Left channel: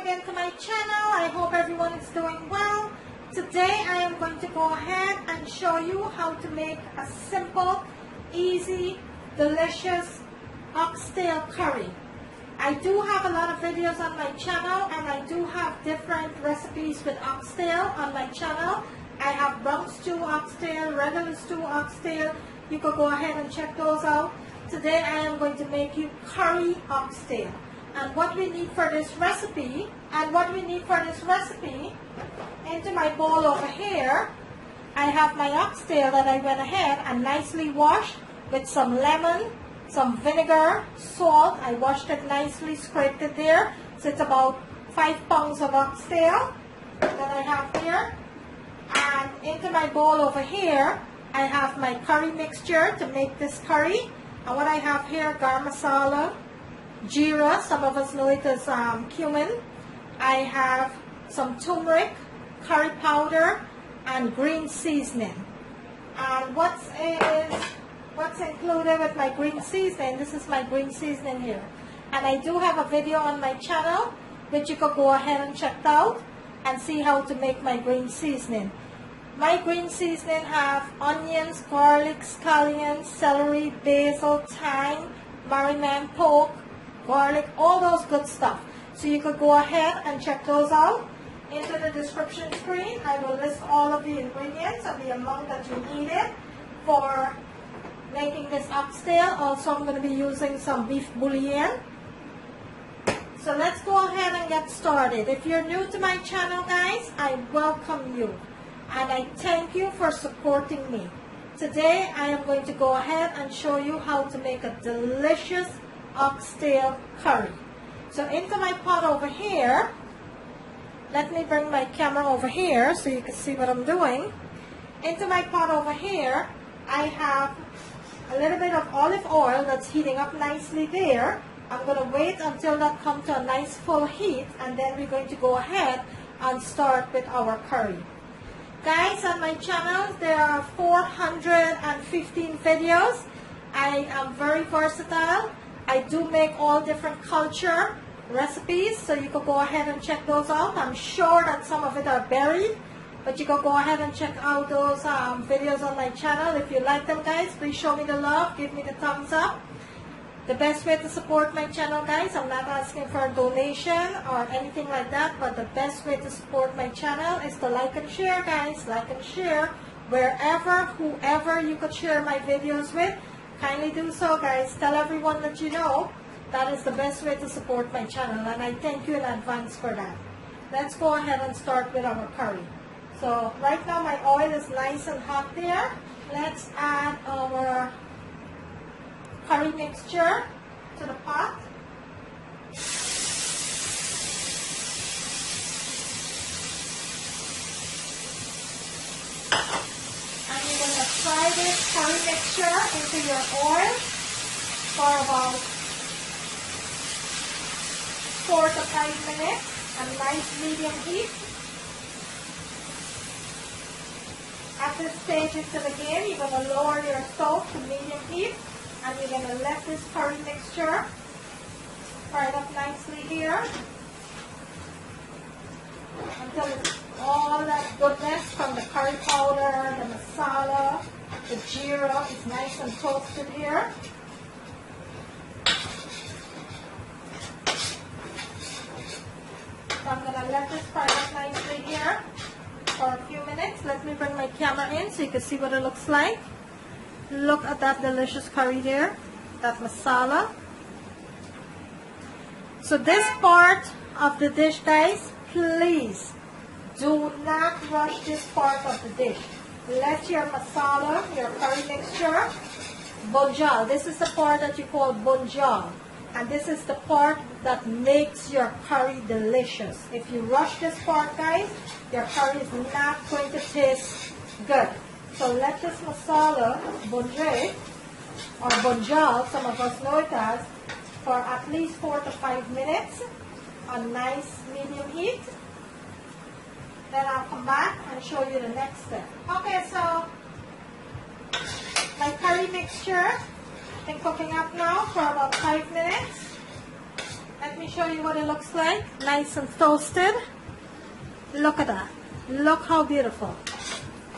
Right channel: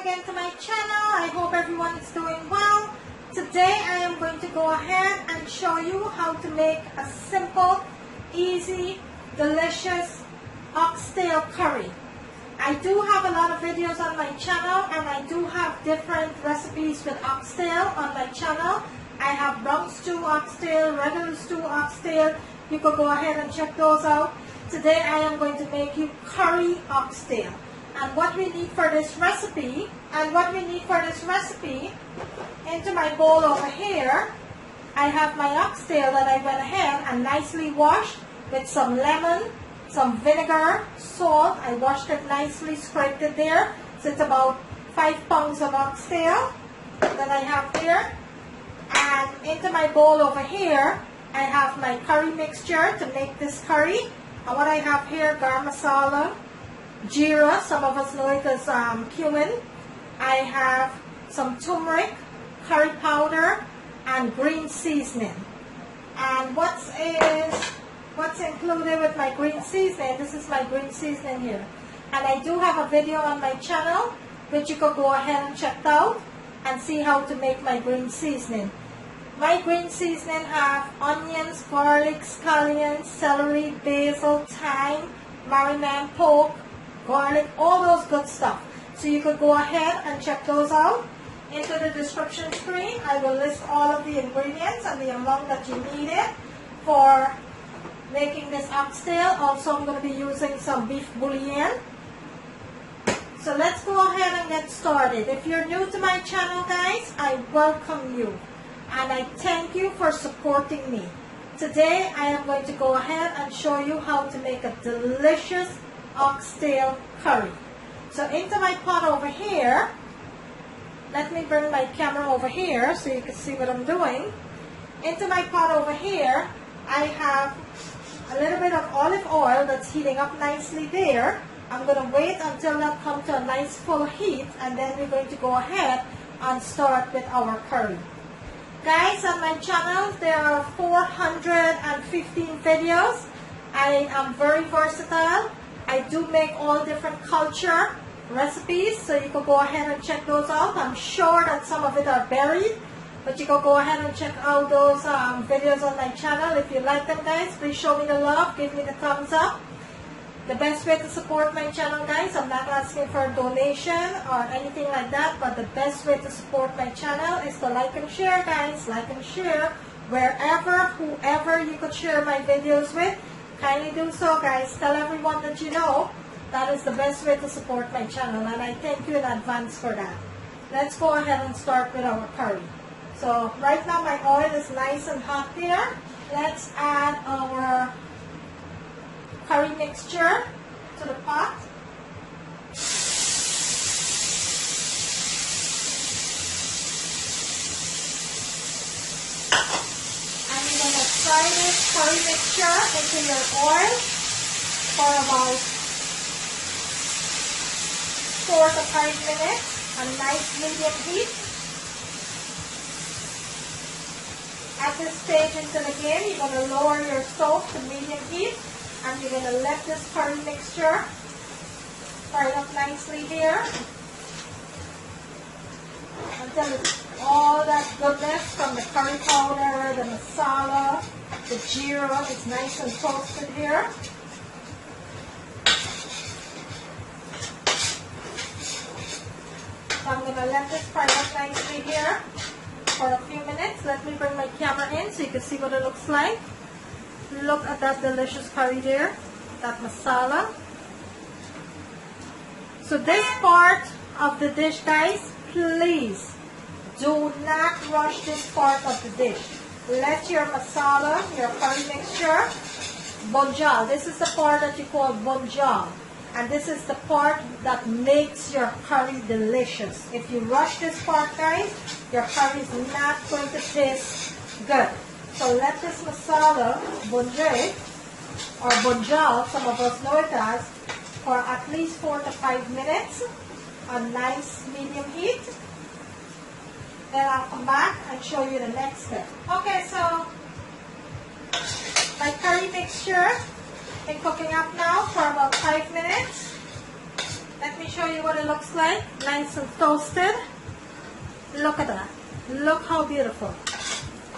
again to my channel. I hope everyone is doing well. Today I am going to go ahead and show you how to make a simple, easy, delicious oxtail curry. I do have a lot of videos on my channel, and I do have different recipes with oxtail on my channel. I have rump stew oxtail, regular stew oxtail. You could go ahead and check those out. Today I am going to make you curry oxtail. And what we need for this recipe, into my bowl over here, I have my oxtail that I went ahead and nicely washed with some lemon, some vinegar, salt. I washed it nicely, scraped it there. So it's about 5 pounds of oxtail that I have there. And into my bowl over here, I have my curry mixture to make this curry. And what I have here, garam masala, jeera, some of us know it as cumin. I have some turmeric, curry powder, and green seasoning. And what's included with my green seasoning? This is my green seasoning here. And I do have a video on my channel which you could go ahead and check out and see how to make my green seasoning. My green seasoning have onions, garlic, scallions, celery, basil, thyme, marinade, pork, garlic, all those good stuff. So you could go ahead and check those out. Into the description screen, I will list all of the ingredients and the amount that you needed for making this oxtail. Also, I'm going to be using some beef bouillon. So let's go ahead and get started. If you're new to my channel, guys, I welcome you. And I thank you for supporting me. Today, I am going to go ahead and show you how to make a delicious oxtail curry. So into my pot over here, let me bring my camera over here so you can see what I'm doing. Into my pot over here, I have a little bit of olive oil that's heating up nicely there. I'm going to wait until that comes to a nice full heat, and then we're going to go ahead and start with our curry. Guys, on my channel, there are 415 videos. I am very versatile. I do make all different culture recipes, so you can go ahead and check those out. I'm sure that some of it are buried, but you can go ahead and check out those videos on my channel. If you like them, guys, please show me the love, give me the thumbs up. The best way to support my channel, guys, I'm not asking for a donation or anything like that, but the best way to support my channel is to like and share, guys. Like and share wherever, whoever you could share my videos with. Kindly do so, guys. Tell everyone that you know. That is the best way to support my channel, and I thank you in advance for that. Let's go ahead and start with our curry. So right now my oil is nice and hot there. Let's add our curry mixture to the pot. And you're going to fry this curry mixture into your oil for about 4 to 5 minutes, a nice medium heat. At this stage into the game, you're going to lower your stove to medium heat, and you're going to let this curry mixture fry up nicely here until all that goodness from the curry powder, the masala, the jeera is nice and toasted here. So I'm going to let this fry up nicely here for a few minutes. Let me bring my camera in so you can see what it looks like. Look at that delicious curry there, that masala. So this part of the dish, guys, please do not rush this part of the dish. Let your masala, your curry mixture, bunjal. This is the part that you call bunjal. And this is the part that makes your curry delicious. If you rush this part, guys, your curry is not going to taste good. So let this masala bunjay, or bunjal, some of us know it as, for at least 4 to 5 minutes on nice medium heat. Then I'll come back and show you the next step. Okay, so my curry mixture been cooking up now for about 5 minutes. Let me show you what it looks like. Nice and toasted. Look at that. Look how beautiful.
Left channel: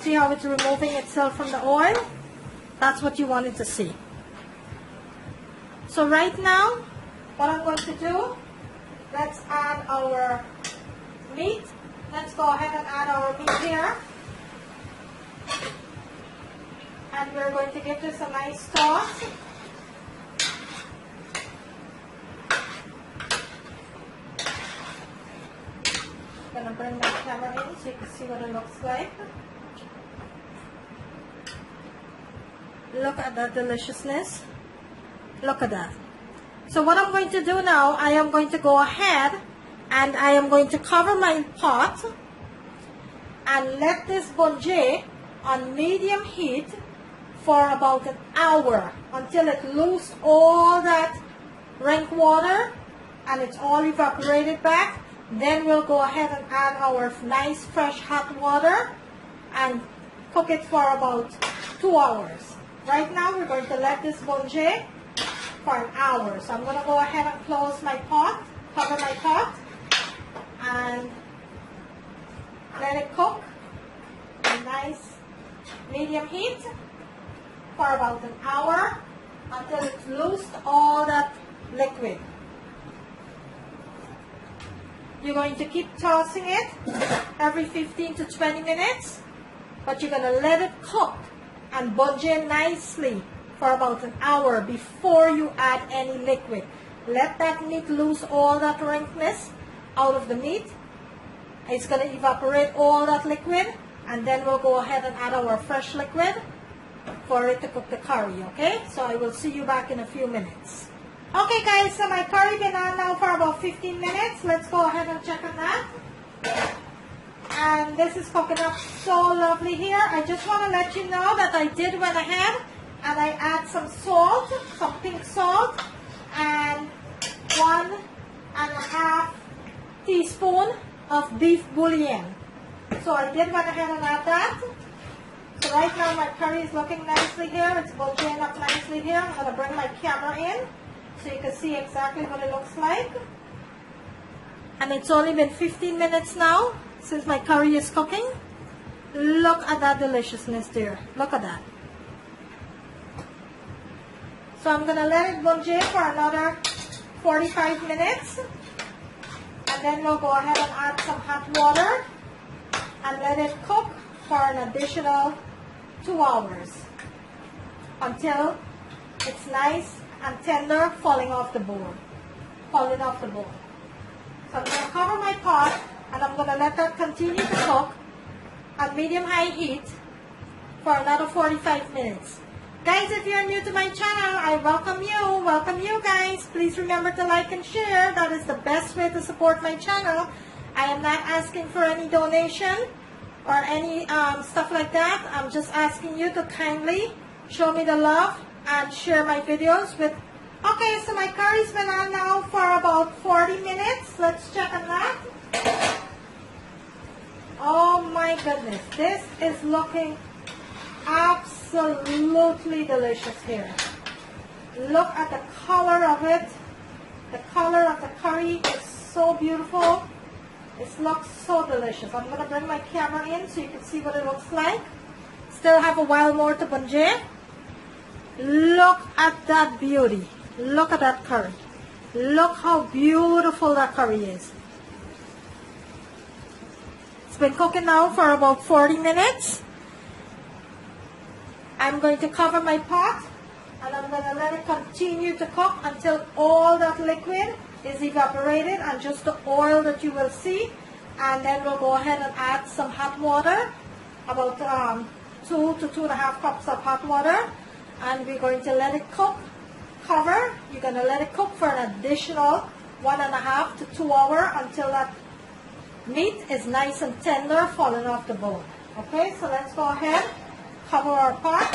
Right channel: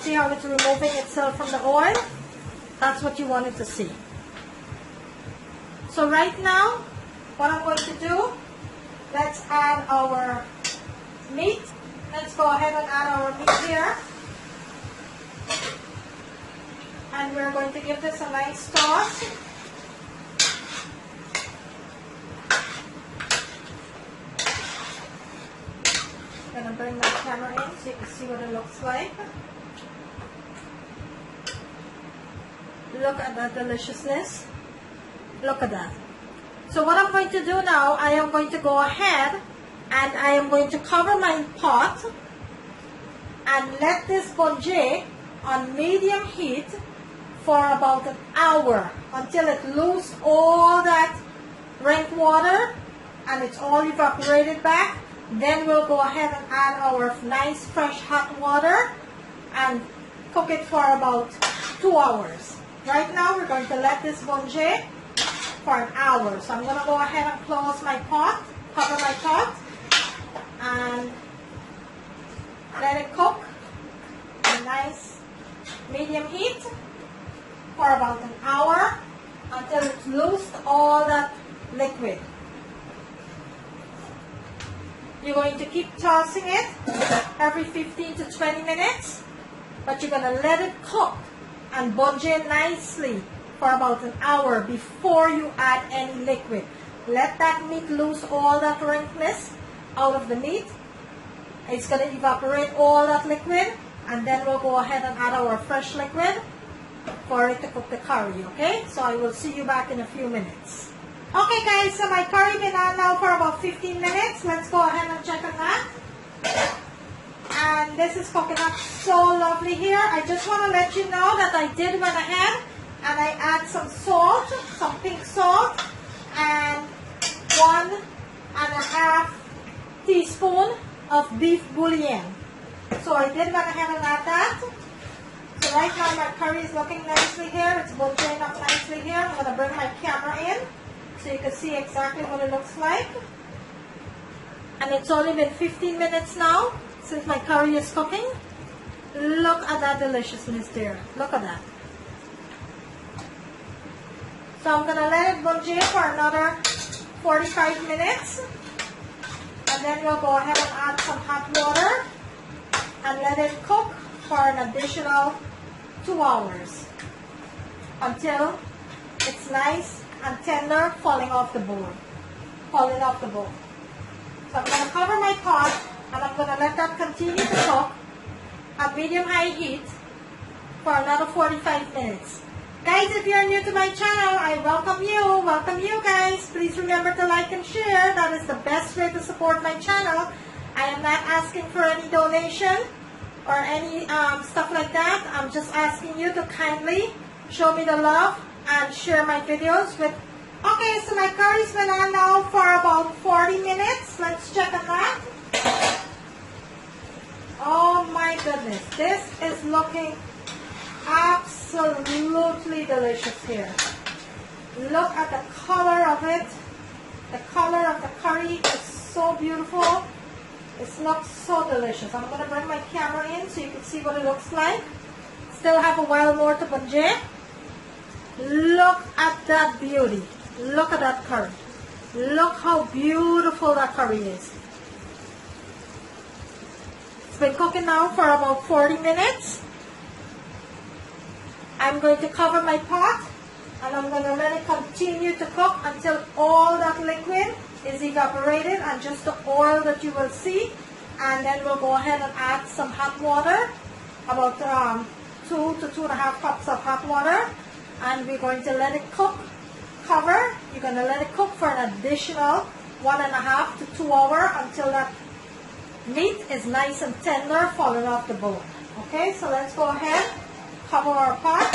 See how it's removing itself from the oil? That's what you wanted to see. So right now, what I'm going to do, let's add our meat. Let's go ahead and add our meat here. And we're going to give this a nice toss. I'm going to bring my camera in so you can see what it looks like. Look at that deliciousness. Look at that. So what I'm going to do now, I am going to go ahead and I am going to cover my pot and let this bungee on medium heat for about an hour until it loses all that rank water and it's all evaporated back. Then we'll go ahead and add our nice fresh hot water and cook it for about 2 hours. Right now we're going to let this bungee for an hour. So I'm going to go ahead and close my pot, cover my pot, and let it cook at nice medium heat for about an hour until it's loosed all that liquid. You're going to keep tossing it every 15 to 20 minutes, but you're going to let it cook and bungee nicely for about an hour before you add any liquid. Let that meat lose all that rankness out of the meat. It's going to evaporate all that liquid, and then we'll go ahead and add our fresh liquid for it to cook the curry, okay? So I will see you back in a few minutes. Okay guys, so my curry been on now for about 15 minutes. Let's go ahead and check on that. And this is cooking up so lovely here. I just want to let you know that I did went ahead and I add some salt, some pink salt, and 1.5 teaspoon of beef bouillon. So I did went ahead and add that. So right now my curry is looking nicely here. It's bouilloned up nicely here. I'm going to bring my camera in so you can see exactly what it looks like. And it's only been 15 minutes now since my curry is cooking. Look at that deliciousness there. Look at that. So I'm going to let it bungee for another 45 minutes. And then we'll go ahead and add some hot water and let it cook for an additional 2 hours until it's nice and tender, falling off the board. So I'm going to cover my pot and I'm going to let that continue to cook at medium-high heat for another 45 minutes. Guys, if you're new to my channel, I welcome you. Welcome you guys. Please remember to like and share. That is the best way to support my channel. I am not asking for any donation or any stuff like that. I'm just asking you to kindly show me the love and share my videos with. Okay, so my curry's been on now for about 40 minutes. Let's check on that. Oh my goodness, this is looking absolutely delicious here. Look at the color of it. The color of the curry is so beautiful. It looks so delicious. I'm going to bring my camera in so you can see what it looks like. Still have a while more to bungee. Look at that beauty. Look at that curry. Look how beautiful that curry is. It's been cooking now for about 40 minutes. I'm going to cover my pot and I'm going to let it continue to cook until all that liquid is evaporated and just the oil that you will see. And then we'll go ahead and add some hot water, about 2 to 2.5 cups of hot water. And we're going to let it cook, cover. You're going to let it cook for an additional 1.5 to 2 hours until that meat is nice and tender, falling off the bone. Okay, so let's go ahead, cover our pot,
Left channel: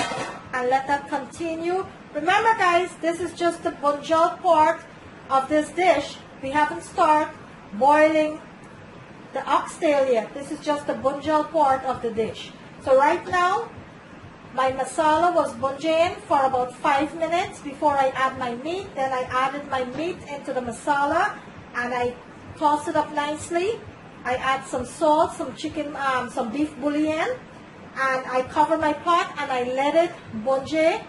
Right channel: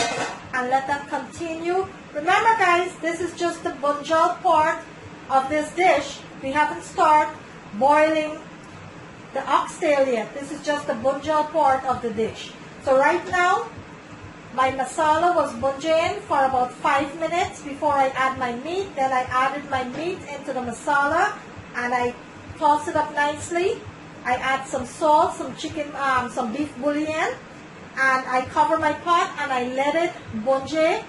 and let that continue. Remember guys, this is just the bunjal part of this dish. We haven't started boiling the oxtail yet. This is just the bunjal part of the dish. So right now, My masala was bungeing for about 5 minutes before I add my meat. Then I added my meat into the masala and I toss it up nicely. I add some salt, some beef bouillon, and I cover my pot and I let it bunge.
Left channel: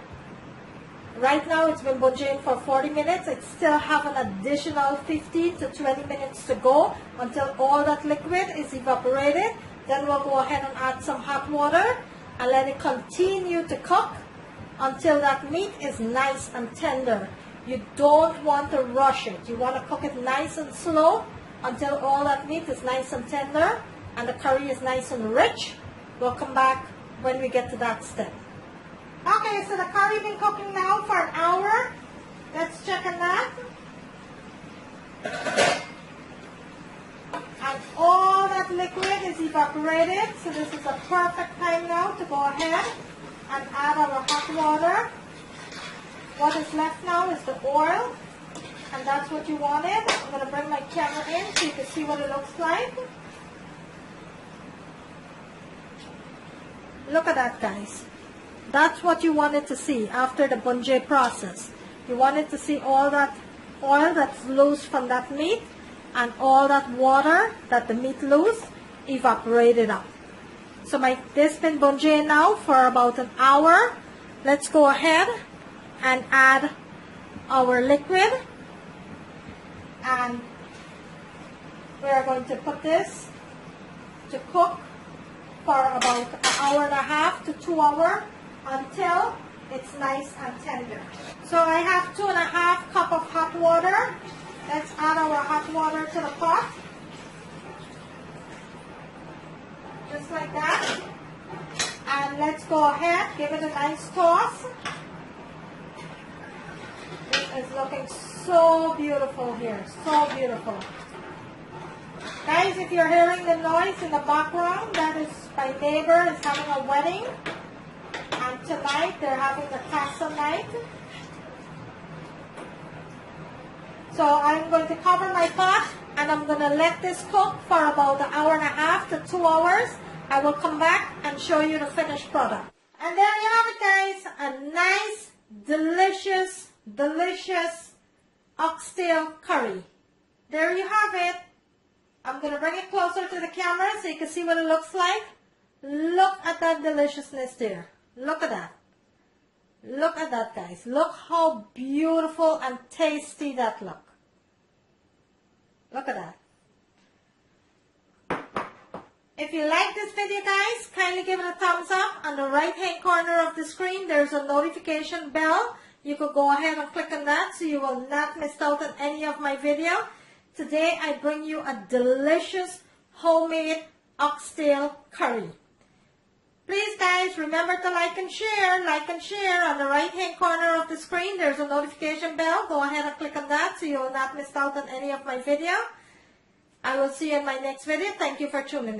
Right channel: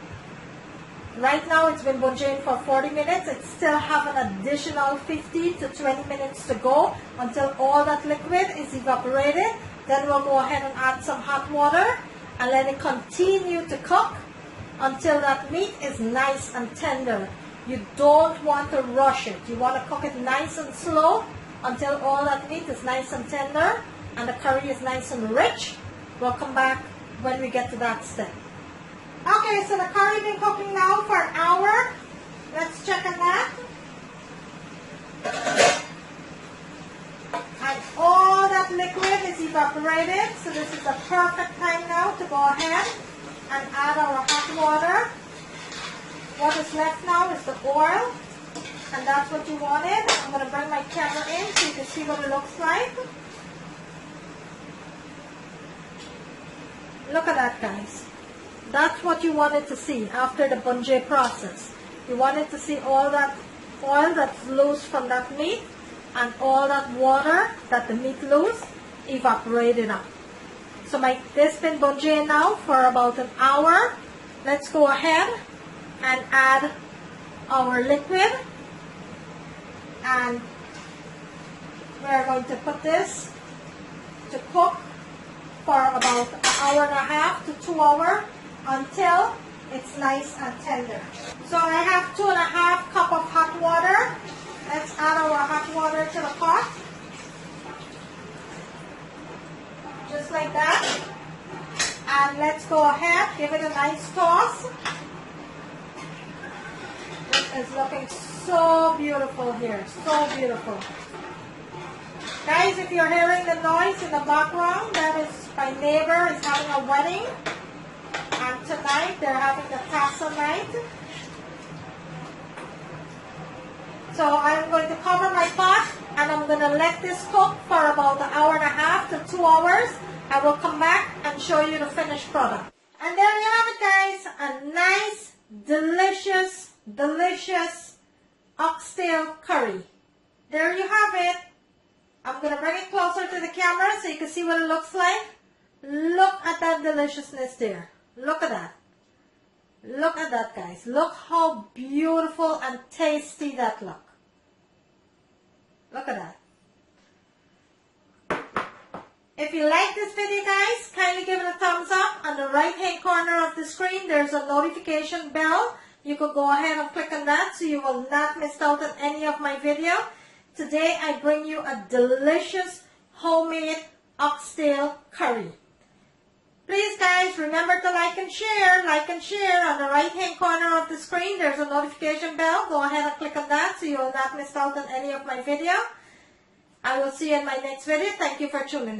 Right now it's been bungeing for 40 minutes. It still have an additional 15 to 20 minutes to go until all that liquid is evaporated. Then we'll go ahead and add some hot water and let it continue to cook until that meat is nice and tender. You don't want to rush it. You want to cook it nice and slow until all that meat is nice and tender and the curry is nice and rich. We'll come back when we get to that step. Okay, so the curry been cooking now for an hour. Let's check on that. And all that liquid is evaporated, so this is a perfect time now to go ahead and add our hot water. What is left now is the oil, and that's what you wanted. I'm going to bring my camera in so you can see what it looks like. Look at that, guys. That's what you wanted to see after the bunge process. You wanted to see all that oil that's loose from that meat and all that water that the meat loose evaporated up. So this been bunge now for about an hour. Let's go ahead and add our liquid, and we're going to put this to cook for about an hour and a half to 2 hours until it's nice and tender. So I have 2.5 cups of hot water. Let's add our hot water to the pot. Just like that. And let's go ahead, give it a nice toss. It is looking so beautiful here, so beautiful. Guys, if you're hearing the noise in the background, that is my neighbor is having a wedding. And tonight they're having the tassel night. So I'm going to cover my pot and I'm going to let this cook for about an hour and a half to 2 hours. I will come back and show you the finished product. And there you have it, guys. A nice, delicious, delicious oxtail curry. There you have it. I'm going to bring it closer to the camera so you can see what it looks like. Look at that deliciousness there. Look at that. Look at that, guys. Look how beautiful and tasty that looks. Look at that. If you like this video, guys, kindly give it a thumbs up. On the right hand corner of the screen, there's a notification bell. You could go ahead and click on that so you will not miss out on any of my video. Today, I bring you a delicious homemade oxtail curry. Please, guys, remember to like and share. Like and share. On the right-hand corner of the screen, there's a notification bell. Go ahead and click on that so you will not miss out on any of my video. I will see you in my next video. Thank you for tuning in.